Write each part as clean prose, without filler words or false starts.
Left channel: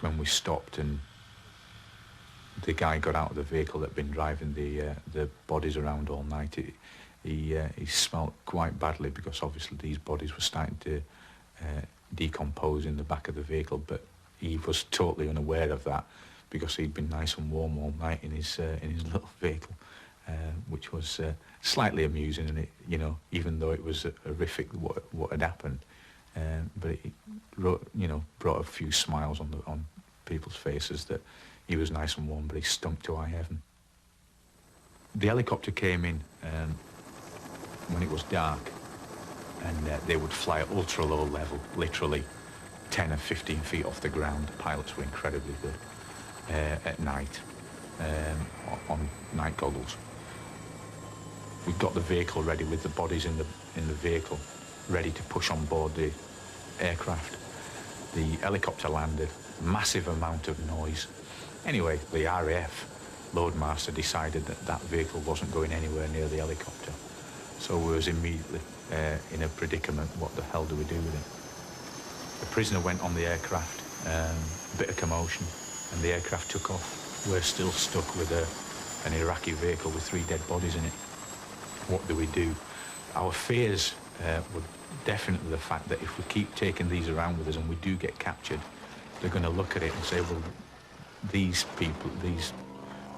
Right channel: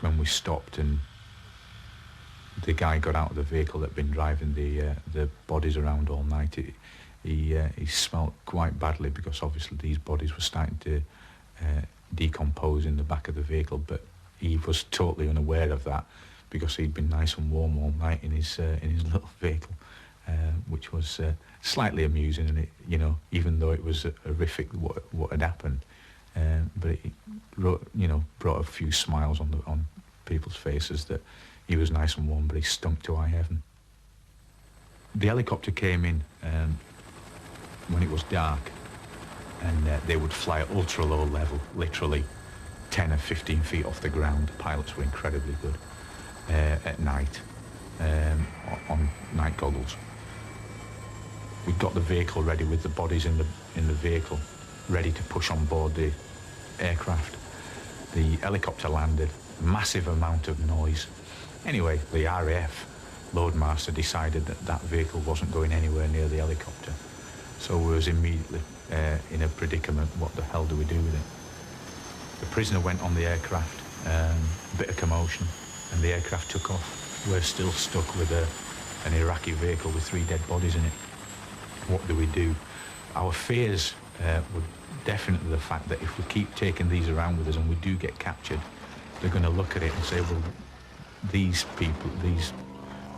stage when we stopped and the guy got out of the vehicle that'd been driving the bodies around all night, he smelt quite badly, because obviously these bodies were starting to decompose in the back of the vehicle, but he was totally unaware of that because he'd been nice and warm all night in his little vehicle, which was slightly amusing, and it, you know, even though it was horrific what had happened, but it brought a few smiles on people's faces that he was nice and warm, but he stunk to high heaven. The helicopter came in when it was dark, and they would fly at ultra low level, literally 10 or 15 feet off the ground. The pilots were incredibly good at night on night goggles. We got the vehicle ready with the bodies in the vehicle, ready to push on board the aircraft. The helicopter landed, massive amount of noise. Anyway, the RAF loadmaster decided that that vehicle wasn't going anywhere near the helicopter. So we was immediately in a predicament. What the hell do we do with it? The prisoner went on the aircraft, a bit of commotion, and the aircraft took off. We're still stuck with an Iraqi vehicle with 3 dead bodies in it. What do we do? Our fears were definitely the fact that if we keep taking these around with us and we do get captured, they're going to look at it and say, well, these people, these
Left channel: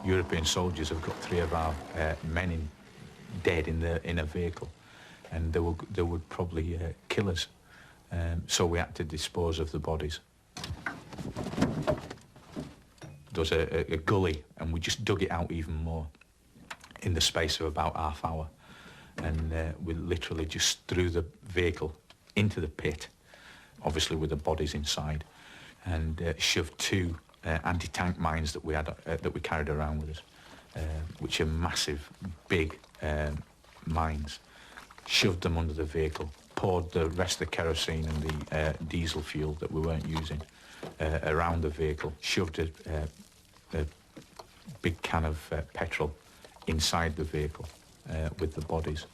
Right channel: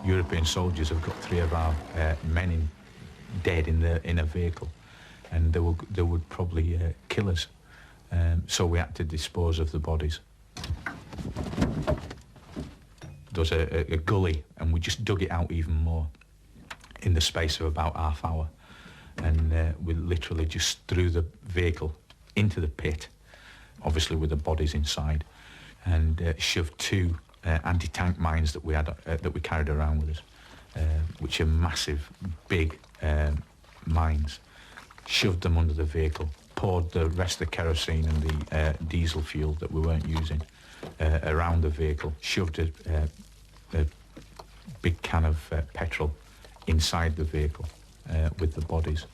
European soldiers have got 3 of our men dead in a vehicle, and they would probably kill us. So we had to dispose of the bodies. There was a gully, and we just dug it out even more in the space of about half hour, and we literally just threw the vehicle into the pit, obviously with the bodies inside, and shoved 2 anti-tank mines that we had that we carried around with us, which are massive, big mines. Shoved them under the vehicle, poured the rest of the kerosene and the diesel fuel that we weren't using around the vehicle, shoved a big can of petrol inside the vehicle with the bodies,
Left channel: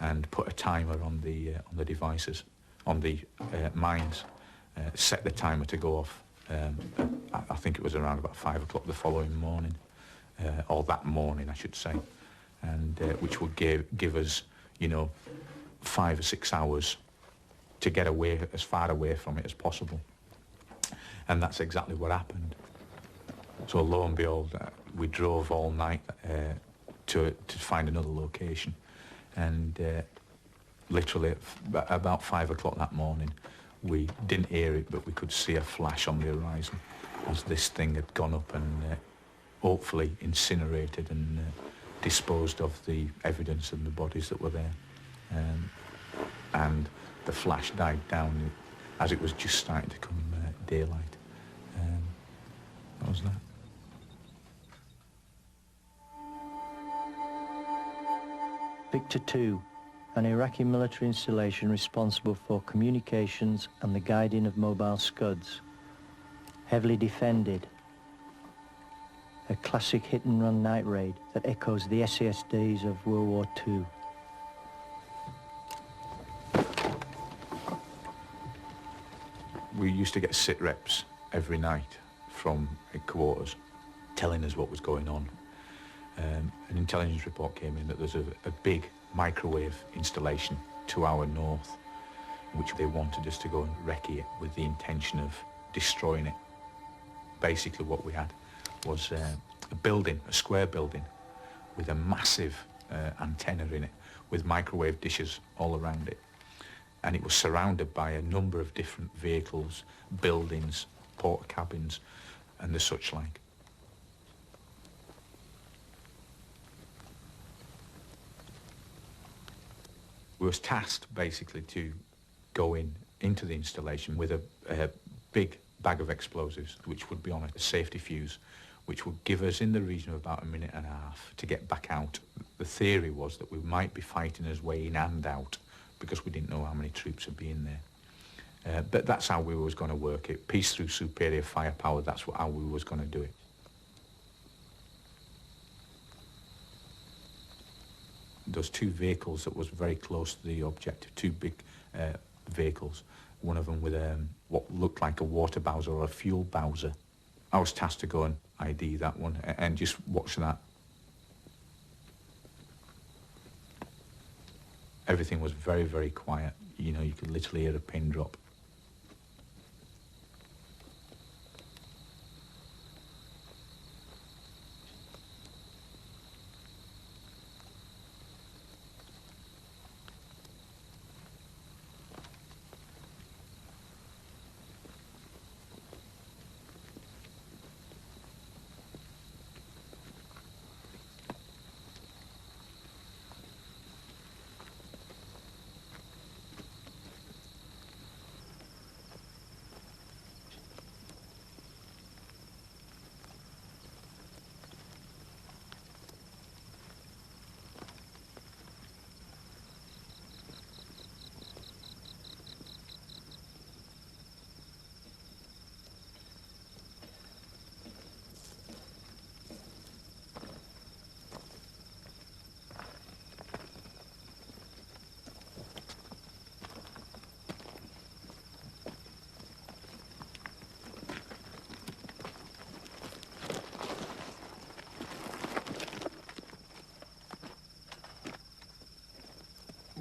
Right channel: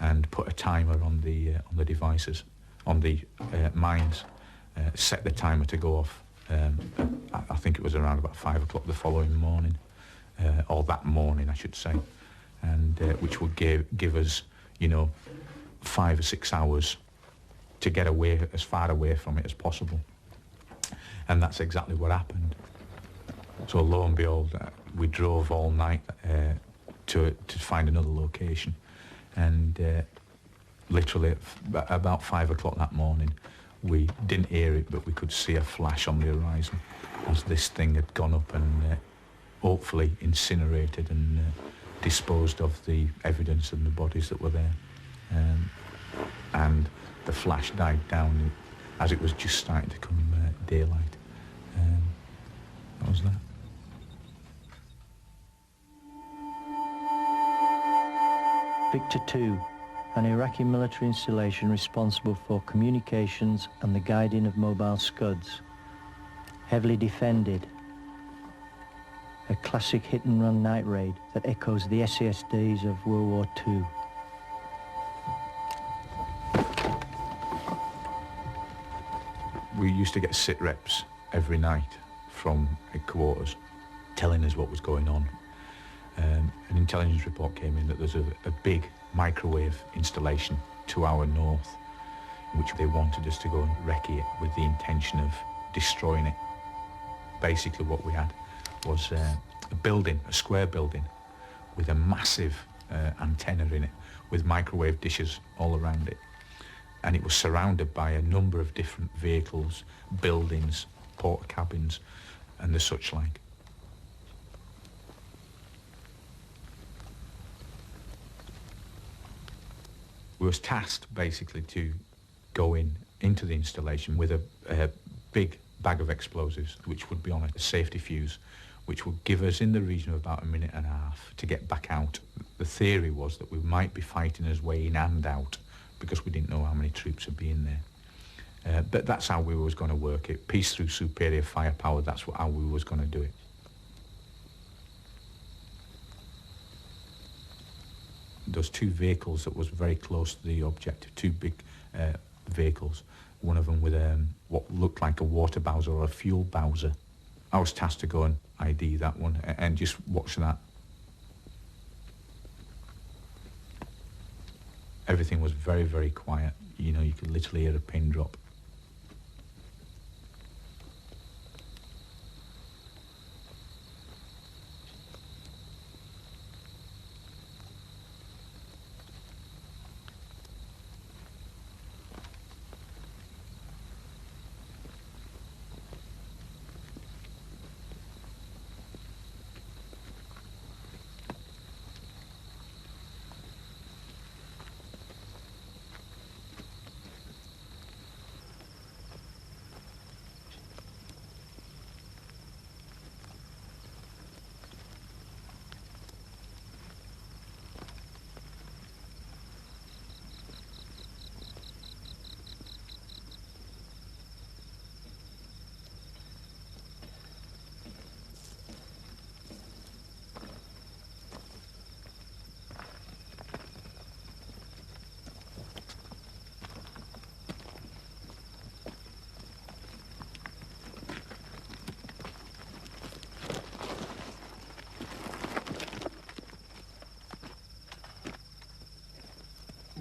and put a timer on the devices, on the mines, set the timer to go off. I think it was around about 5 o'clock the following morning, or that morning I should say, and which would give us, 5 or 6 hours to get away, as far away from it as possible. And that's exactly what happened. So lo and behold, we drove all night to find another location, and literally at about 5 o'clock that morning, we didn't hear it, but we could see a flash on the horizon as this thing had gone up and hopefully incinerated and disposed of the evidence and the bodies that were there. And the flash died down as it was just starting to come daylight. That was that. Victor 2, an Iraqi military installation responsible for communications and the guiding of mobile scuds. Heavily defended. A classic hit-and-run night raid that echoes the SAS days of World War II. We used to get sit reps every night from headquarters telling us what was going on. An intelligence report came in that there's a big microwave installation to our north, which they wanted us to go and recce it with the intention of destroying it. Basically what we had was a building, a square building, with a massive antenna in it, with microwave dishes all around it. And it was surrounded by a number of different vehicles, buildings, porta cabins, and the such like. We was tasked basically to go into the installation with a big bag of explosives, which would be on a safety fuse, which would give us in the region of about 1.5 minutes to get back out. The theory was that we might be fighting our way in and out, because we didn't know how many troops would be in there. But that's how we was going to work it. Peace through superior firepower, that's how we was going to do it. Those 2 vehicles that was very close to the objective, 2 big vehicles, one of them with what looked like a water bowser or a fuel bowser I was tasked to go and ID that one and just watch that. Everything was very, very quiet. You know, you could literally hear a pin drop.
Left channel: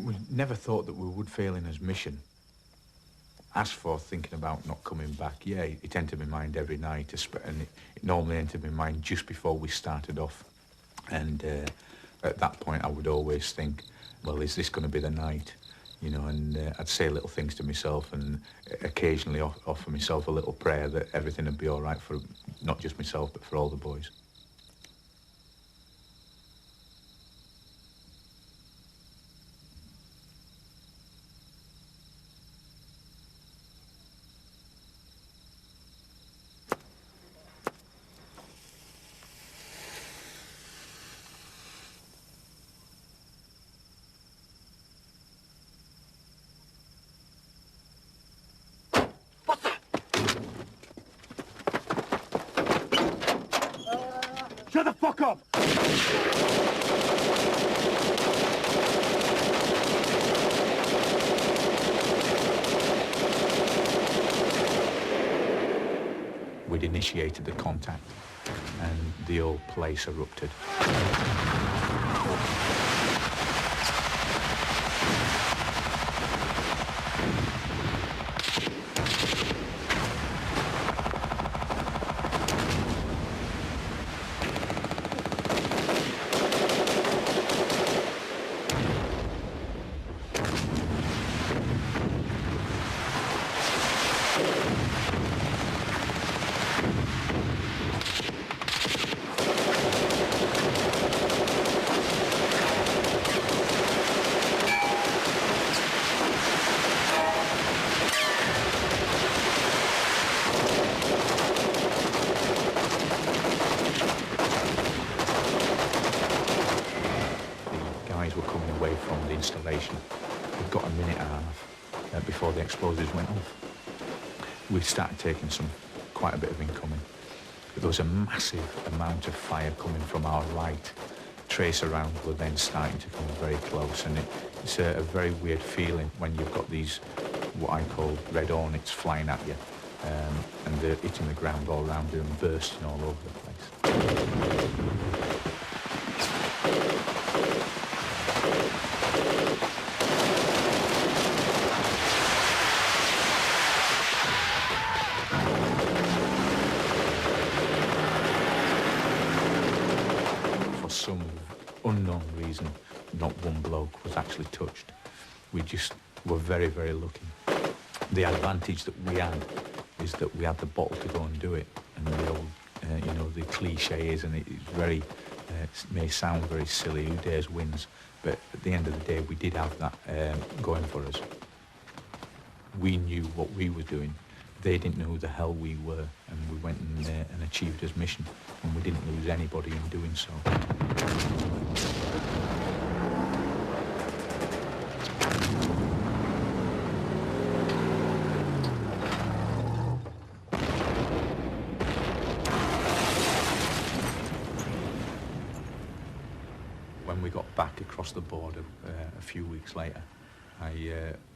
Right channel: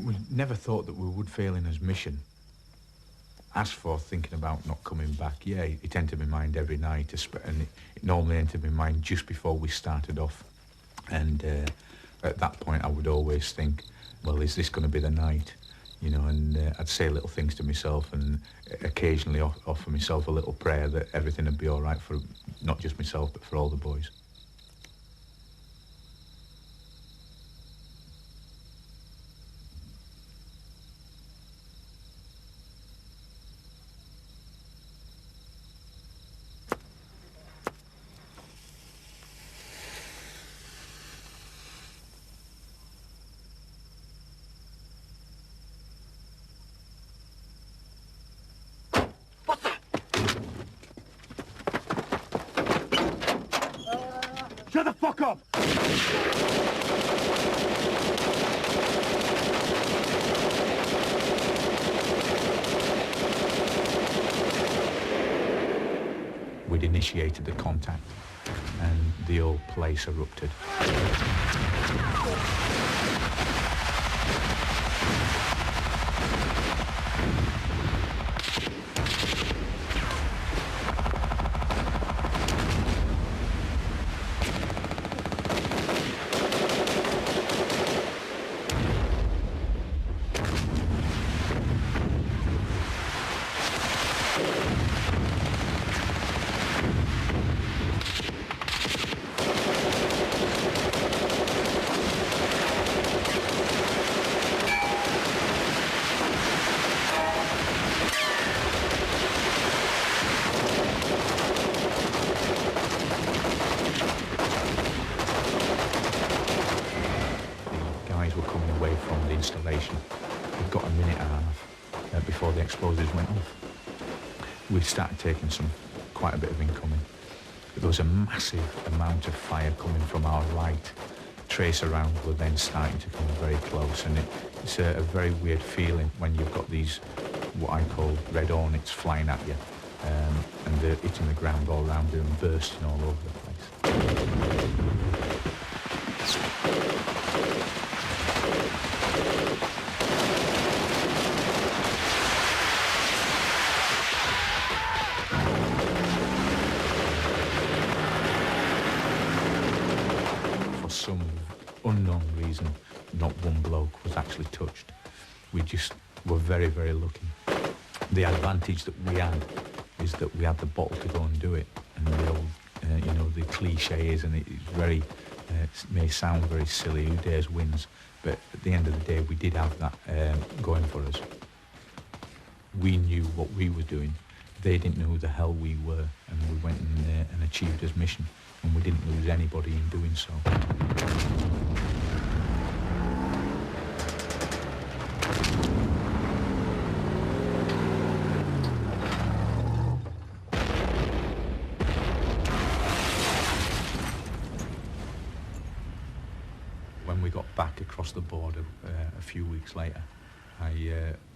We never thought that we would fail in his mission. As for thinking about not coming back, yeah, it entered my mind every night, and it normally entered my mind just before we started off. And at that point, I would always think, well, is this going to be the night? You know, and I'd say little things to myself and occasionally offer myself a little prayer that everything would be all right for not just myself, but for all the boys. Shut the fuck up! We'd initiated the contact and the whole place erupted. Were coming away from the installation. We'd got a minute and a half before the explosives went off. We started taking quite a bit of incoming. There was a massive amount of fire coming from our right. Tracer rounds were then starting to come very close, and it's a very weird feeling when you've got these, what I call red hornets, flying at you, and they're hitting the ground all around you and bursting all over the place. Some unknown reason, not one bloke was actually touched. We just were very, very lucky. The advantage that we had is that we had the bottle to go and do it. And the old, you know, the cliche is, and it's very, it may sound very silly, who dares wins, but at the end of the day, we did have that going for us. We knew what we were doing. They didn't know who the hell we were, and we went and achieved his mission, and we didn't lose anybody in doing so. When we got back across the border a few weeks later,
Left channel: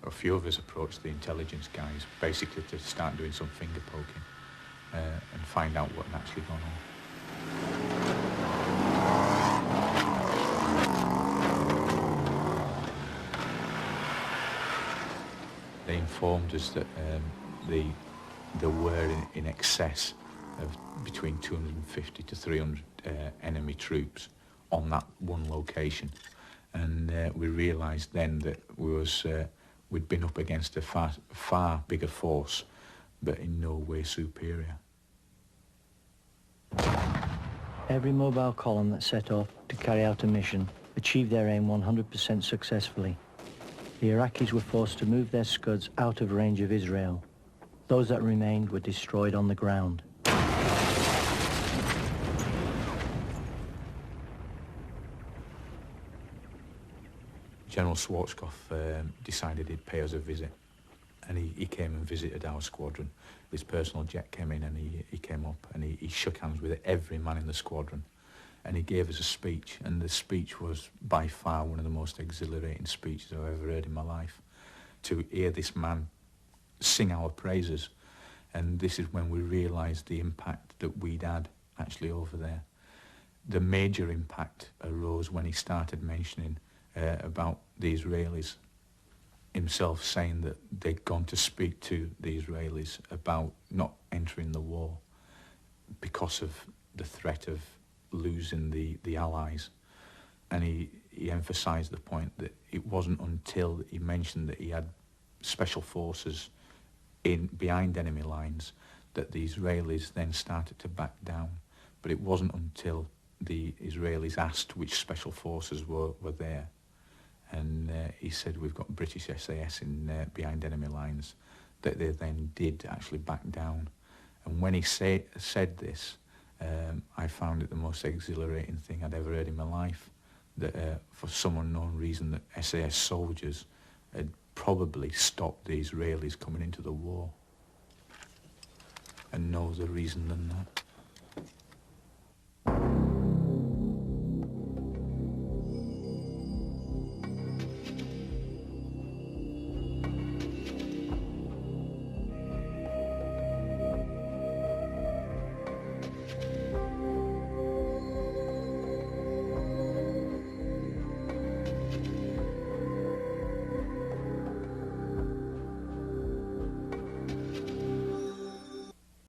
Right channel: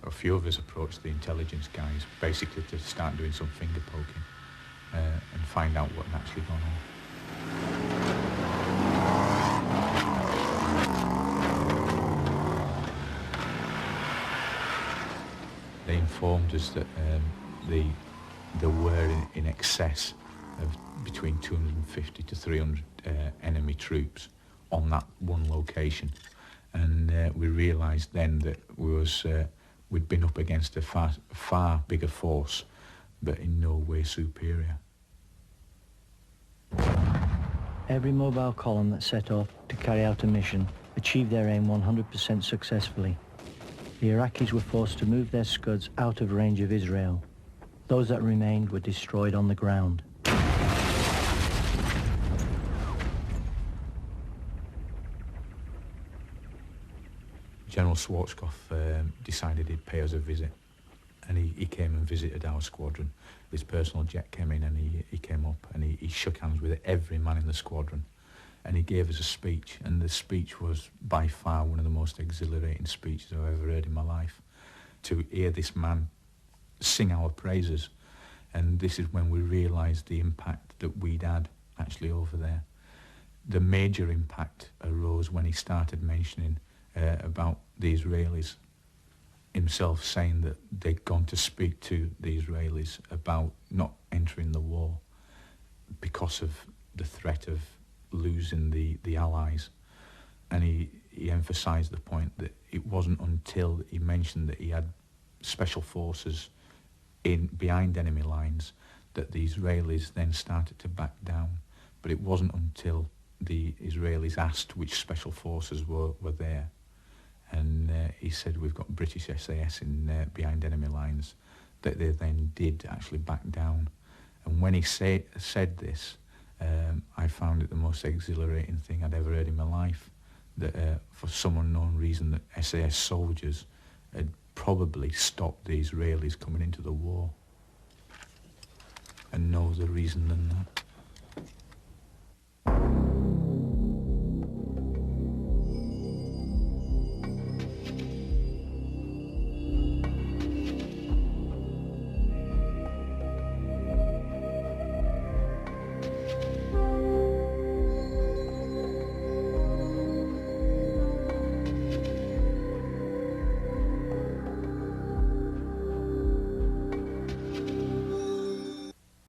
a few of us approached the intelligence guys, basically to start doing some finger poking. and find out what had actually gone on. They informed us that there were in excess of between 250 to 300 enemy troops on that one location, and we realised then that we'd been up against a far bigger force, but in no way superior. Every mobile column that set off to carry out a mission achieved their aim 100% successfully. The Iraqis were forced to move their Scuds out of range of Israel. Those that remained were destroyed on the ground. General Schwarzkopf decided he'd pay us a visit, and he came and visited our squadron. His personal jet came in, and he came up and he shook hands with every man in the squadron, and he gave us a speech, and the speech was by far one of the most exhilarating speeches I've ever heard in my life. To hear this man sing our praises, and this is when we realised the impact that we'd had actually over there. The major impact arose when he started mentioning about the Israelis, himself saying that they'd gone to speak to the Israelis about not entering the war because of the threat of losing the Allies. And he emphasised the point that it wasn't until he mentioned that he had special forces behind enemy lines that the Israelis then started to back down. But it wasn't until the Israelis asked which special forces were there, and he said, we've got British SAS behind enemy lines, that they then did actually back down. And when he said this, I found it the most exhilarating thing I'd ever heard in my life, that for some unknown reason that SAS soldiers had probably stopped the Israelis coming into the war. And no other reason than that.